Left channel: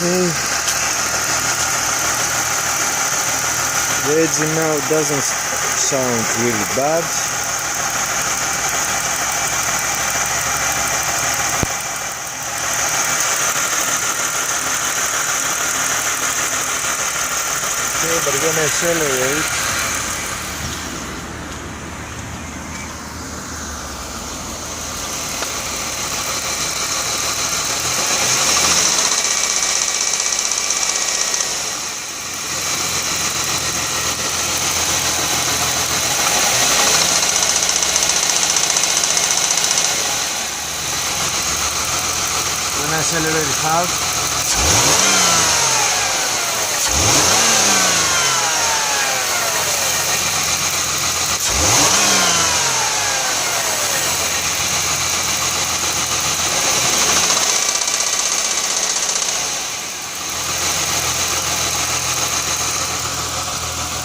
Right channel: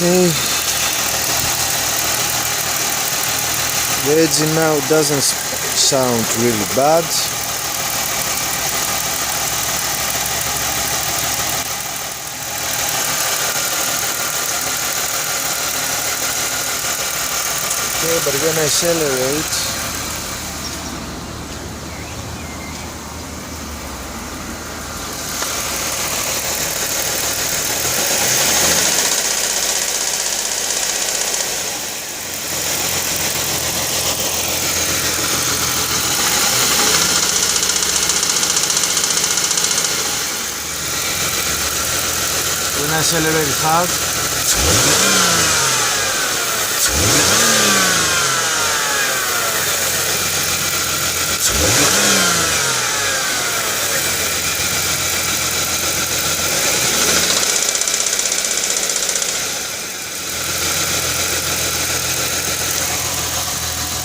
Okay, the engine now doesn't sound really bad. Okay, but when I accelerate, hard,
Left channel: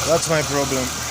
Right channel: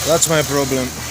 that's my problem.